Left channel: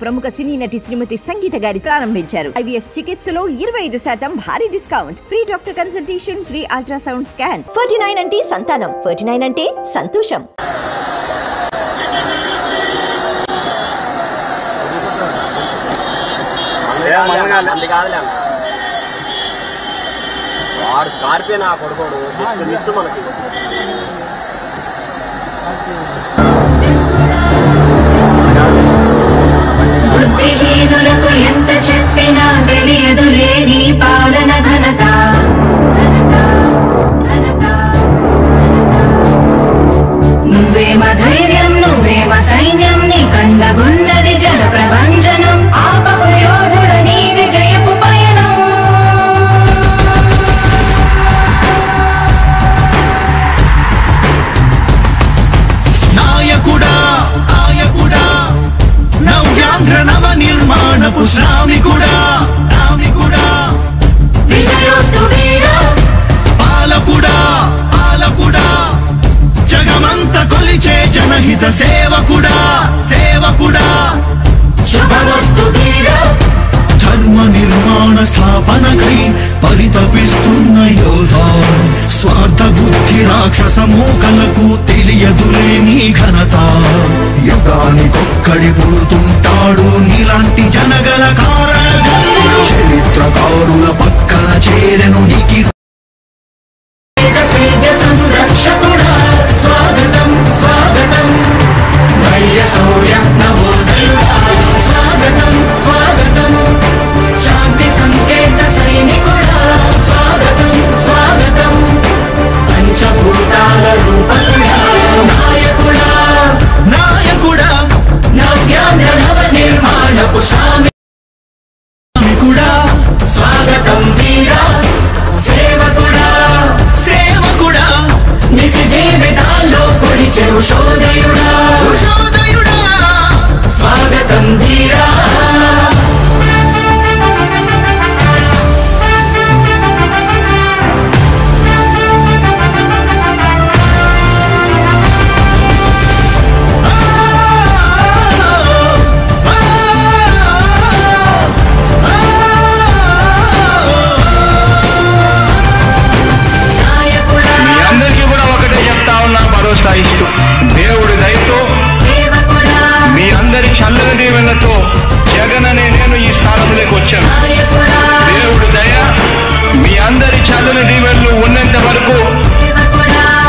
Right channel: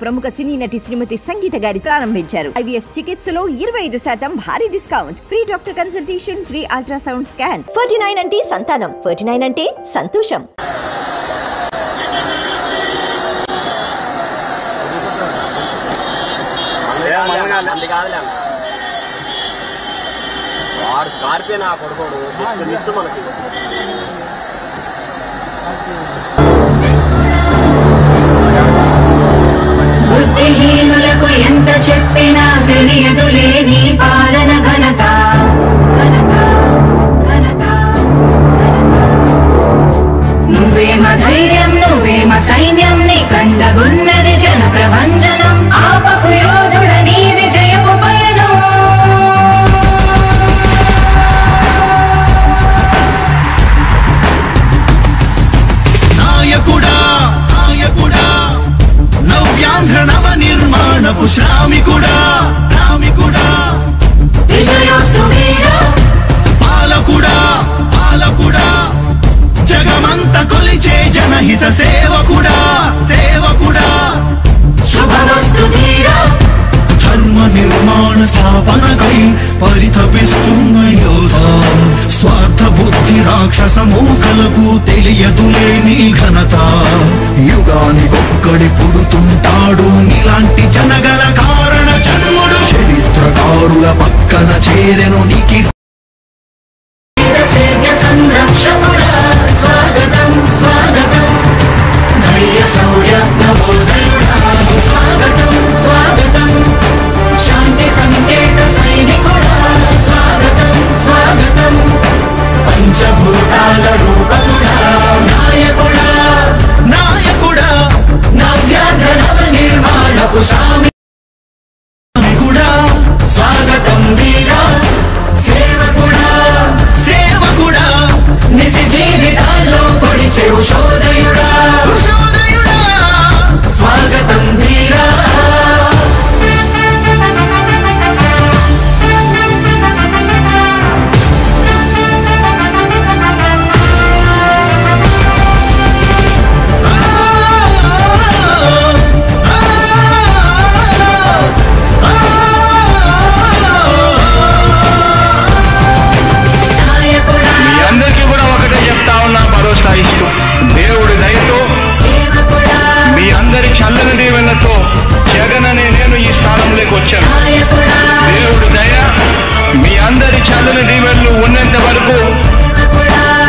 ప్రముఖ సినీ నటి శ్రీమతి సంగీత గారి ప్రారంభించారు. IVF చికిత్సలో 25% భారీ discount, free doctor consultation, free ultrasound scan. 49 అంటే సంతానం, 49 అంటే సంతోషం. స్కార్పియన్ ఆ కొడుకోడు మనకి బుద్ధిహీనులకు ఎంత చెప్పినా తెలియదులే నీ పాలన ఘనత. నువ్వేమ ధైర్యం, నువ్వేమ సైన్యం, నీ కండగున్నది జన ప్రభంజనం. ఆపకు యోధుడ నీ విజయపు పయనం. నాయకుడా నాయకుడా నవ్యాంధ్ర నవ నిర్మాణపు శ్రామికుడా రామికుడా విజయోస్తు వీరా పాలకుడా పాలకుడా జగమంత కొలిచే జనహిత సేవకుడా సేవకుడా శుభమస్తు ధీరా ధర్మ నిర్మాణ స్థాపనకై పరితపిస్తున్న యోధా. స్వార్థ బుద్ధి రాక్షస మూకలకు తెలియదులే నీ ఘనత. యుగానికొక్కడి పుడుతుంటాడు ఇలాంటి జనగల కారణ జన్ములు. చరిత్రకారుల పక్కన చేరెను నీకి సంరక్షకుడా స్వాగతం స్వాగతం. ధైర్య శౌర్య నవోదయుడా స్వాగతం స్వాగతం. శాంతి సంకేత సైనికుడా స్వాగతం స్వాగతం. పంచభూతాల రూపకుడా నాయకుడా నాయకుడా నవ్యాంధ్ర నవ నిర్మాణపు శ్రామికుడా స్వాగతం వీరా సేవకుడా సేవకుడా నిజ జీవితాల్లో పొడిచే ఉషోదయుడా ఉషోదయుడా స్వాగతం ధీరా. మీ అందరికీ కూడా ఒకటే చెప్తా ఉన్నా, భరోసా ఇస్తూ దేవుడి దయతో మీ అందరి చల్లని దీవెనలతో జగన్ అనే నేను ఈ స్థానంలోకి వచ్చాను. దేవుడి దయ మీ అందరి చల్లని దీవెనలు ఉన్నంత వరకు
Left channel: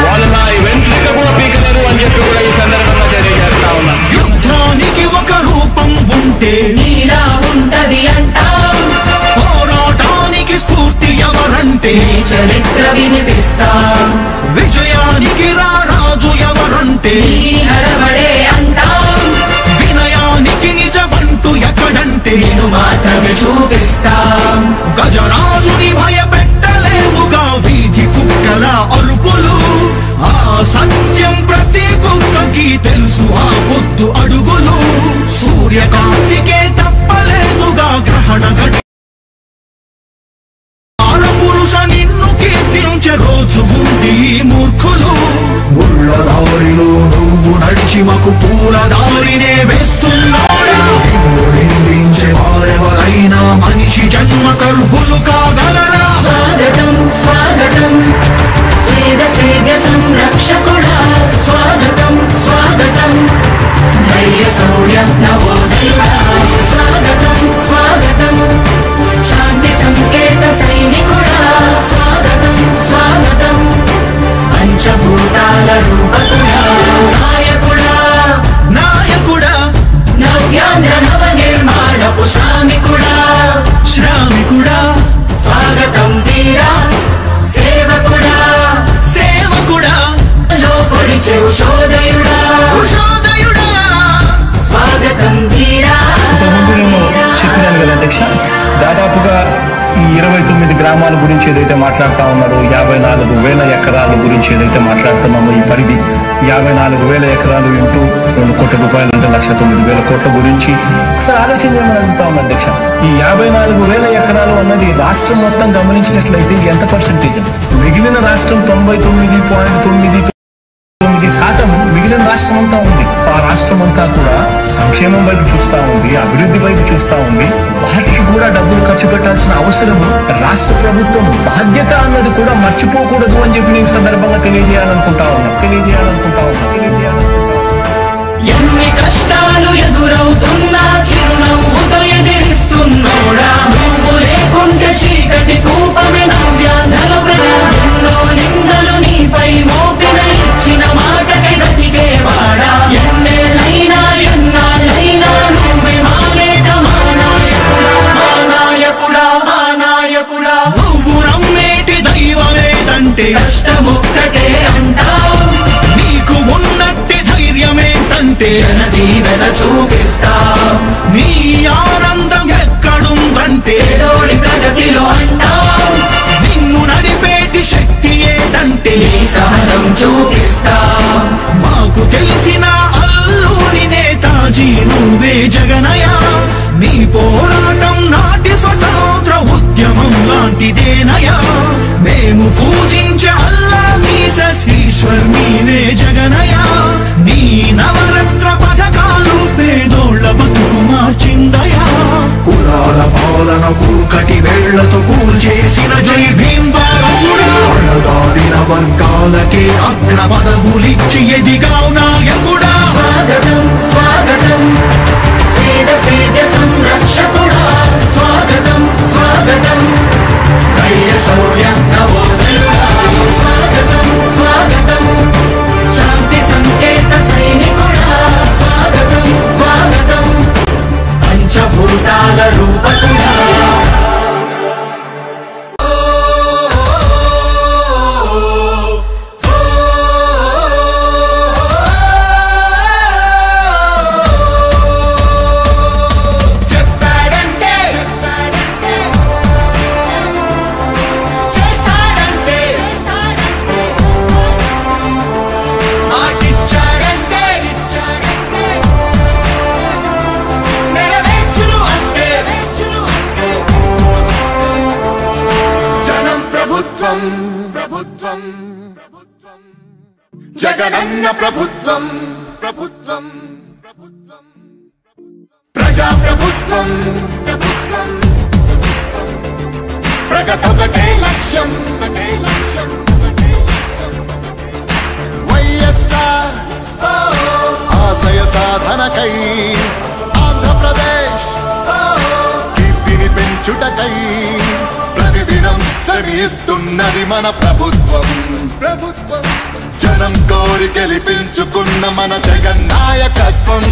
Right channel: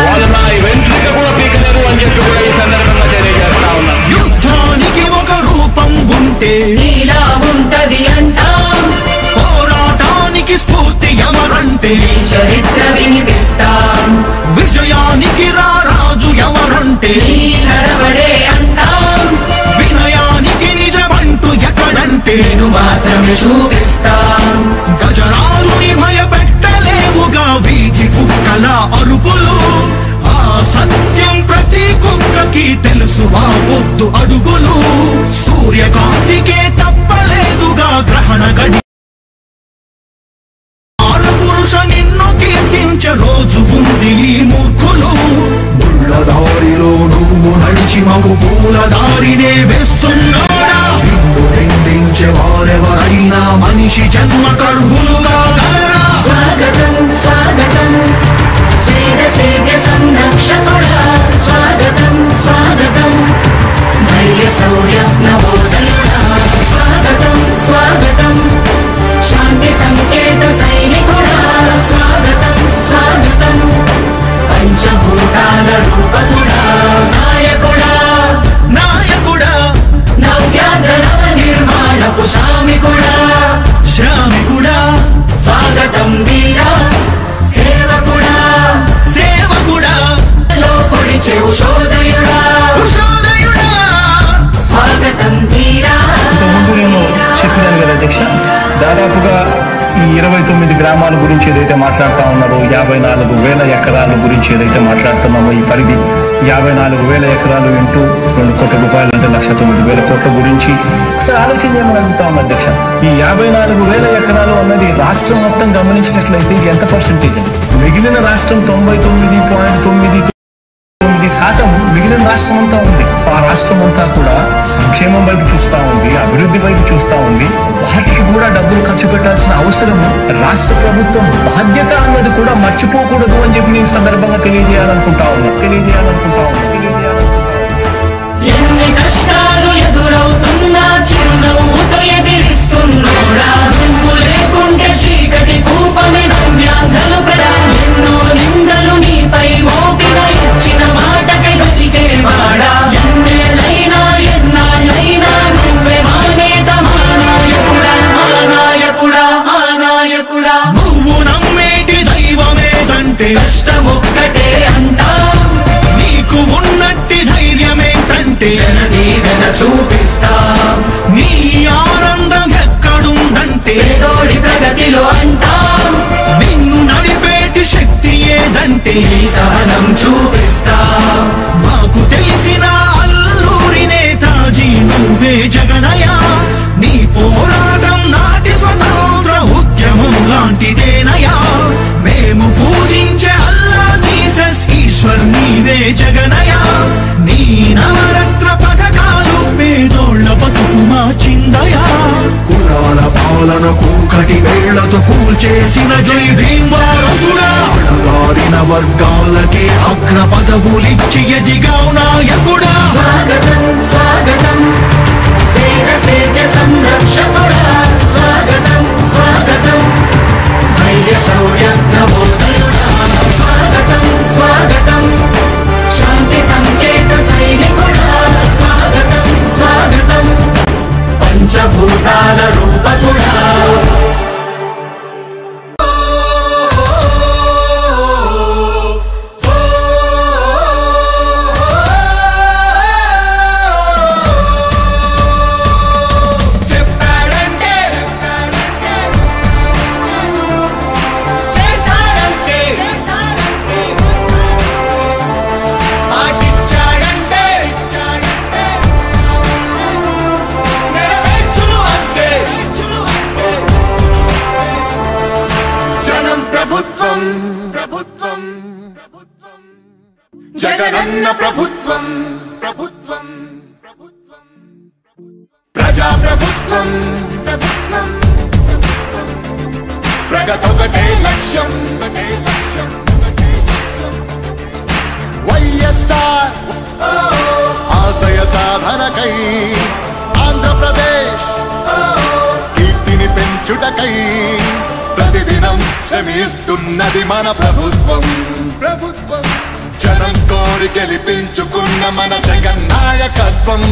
వాళ్ళు నా వెంట్రుక కూడా పీకలేరు అని చెప్పి కూడా ఈ సందర్భంగా తెలియజేస్తా ఉన్నా. యుద్ధానికి ఒక రూపం ఉంటే నీలా ఉంటది అంటాం, పోరాటానికి స్ఫూర్తి ఎవరంటే చరిత్ర వినిపిస్తాం. విజయానికి రారాజు ఎవరంటే నీ నడవడే అంటాం, వినయానికి నిజమంటూ ఎక్కడంటే నేను మాత్రమే చూపిస్తాం. గజరాజుని భయపెట్టలేవుగా వీధి కుక్కల అరుపులు. ఆ సత్యం ప్రతి కుక్కకి తెలుసు, ఆ పొద్దు అడుగులు. సూర్యకాంతికే తప్పలేదుగా గ్రహణ గడి. పురుష నిన్ను కీర్తించే రోజు ఉంది మూర్ఖులు. ముళ్ళ దారిలో నువ్వు నడిచి మగు పూల దారినే వేస్తున్నాడా. నిన్ను నిందించే వారెవరైనా మనిషి జన్మ కర్హులుగా గలరా. స్వాగతం స్వాగతం సేద సంరక్షకుడా స్వాగతం స్వాగతం. ధైర్య శౌర్య నవోదయుడా స్వాగతం స్వాగతం. శాంతి సంకేత సైనికుడా స్వాగతం స్వాగతం. పంచభూతాల రూపకుడా నాయకుడా నాయకుడా నవ్యాంధ్ర నవ నిర్మాణపు శ్రామికుడా శ్రామికుడా స్వాగతం వీరా సేవకుడా సేవకుడా లో పొడిచే ఉషోదయుడా ఉషోదయుడా స్వాగతం వీరా. ఇంతకుముందు నేను చెప్పినాను కదా అధ్యక్ష, దాదాపుగా ఈ 29 గ్రామాల గురించి ఏదైతే మాట్లాడుతూ ఉన్నారో, 54,000 ఎకరాల గురించి ఏదైతే మాట్లాడుతున్నామో, ఈ పరిధి 54,000 ఎకరాలు ఇంటూ 2 కోట్ల రూపాయలు అంటే 1,09,000 కోట్ల గురించి ఒకసారి ఆలోచన చేయమని అడుగుతా ఉన్నా అధ్యక్ష. ఈ 54,000 ఎకరాలు అన్నది రాష్ట్రం మొత్తం గమనించినట్లయితే ఎంత పర్సెంటేజ్? మిగిలిన రాష్ట్రం 99.9 9% మిగిలిన రాష్ట్రం అంతా ఉంది. ఆ రాష్ట్రం అంతా కూడా సంక్షేమం వైపు చూస్తా ఉంది, అభివృద్ధి వైపు చూస్తా ఉంది. వాటికి కూడా డబ్బులు ఖర్చు పెట్టాల్సిన అవసరము రాష్ట్ర ప్రభుత్వం బాధ్యత అన్నది కూడా మర్చిపోకూడదు అని చెప్పి నేను సందర్భంగా తెలియజేయాలనుకుంటా ఉన్నా. ఎన్ని కష్టాలు ఎదురవుతున్నా చిరునవ్వుతో ఎదిరిస్తున్నాడా, నువ్వు లేకుంటే చీకటి కూపమే నవ్యాంధ్రల ప్రజా, ఎన్నో నిందలు నీపై మోపిన ఇచ్చిన మాటకై బ్రతికేవాడా, ఎన్నేళ్ళైనా ఎన్నాళ్ళైనా నువ్వే మా నేత, మా నాయకుడా, మా నాయకుడా, మా నాయకుడా. నువ్వు నమ్మేటి దైవమేదంటే కష్టమొక్కటే అంటాం, నీకు ఉన్నట్టి ధైర్యమేంటంటే జనదీవెన చూపిస్తాం, నీ ఆనందం ఎక్కడుందంటే పేదోడి ప్రగతిలో అంటాం, నిన్ను నడిపేటి శక్తి ఏదంటే నీ సహనం చూపిస్తాం. మాకు తెలిసిన అల్లూరి నేతాజీ నువ్వే జగనయ్య. నీ పోరాటం నాటి స్వతంత్ర ఉద్యమం లాంటిదేనయ్యా. మేము పూజించే అల్లా జీసస్ ఈశ్వర్ నీవే జగనయ్య. నీ నవరత్న పథకాలు పేదోళ్ల బతుకు మార్చిందయా. కులాల పాలన కూకటి వేళ్లతో కూల్చేసిన జై భీమ్ వారసుడా, అణగారిన వర్గాలకే అగ్ర పదవులిచ్చి ఎదిగావు నాయకుడా. స్వాగతం స్వాగతం సేద సేద సంరక్షకుడా, స్వాగతం స్వాగతం ధైర్య శౌర్య నవోదయుడా, స్వాగతం స్వాగతం శాంతి సంకేత సైనికుడా, స్వాగతం స్వాగతం పంచభూతాల రూపకుడా. చెప్పాడంటే చేస్తాడంటే, మాటిచ్చాడంటే నెరవేర్చును అంతే. జనం ప్రభుత్వం ప్రభుత్వం ప్రభుత్వం జగనన్న ప్రభుత్వం ప్రభుత్వం ప్రభుత్వం ప్రజా ప్రభుత్వం ప్రభుత్వం ప్రగతొకటే లక్ష్యం ఒకటే లక్ష్యం ఒకటే లక్ష్యం. వైఎస్ఆర్ ఆశయ సాధనకై ఆంధ్రప్రదేశ్ కీర్తిని పెంచుటకై ప్రతిదినం శ్రమిస్తున్నది మన ప్రభుత్వం ప్రభుత్వం. జనం కోరి గెలిపించుకున్న మన జగన్ నాయకత్వం.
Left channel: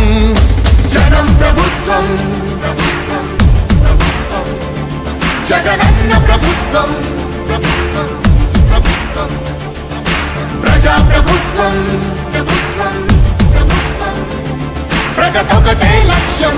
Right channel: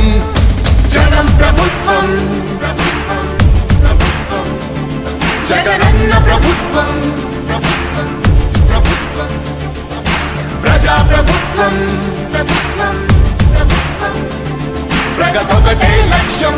జనం ప్రభుత్వం ప్రభుత్వం ప్రభుత్వం జగనన్న ప్రభుత్వం ప్రభుత్వం ప్రభుత్వం ప్రజా ప్రభుత్వం ప్రభుత్వం ప్రభుత్వం ప్రగతొకటే లక్ష్యం.